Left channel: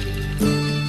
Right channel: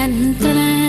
And dun.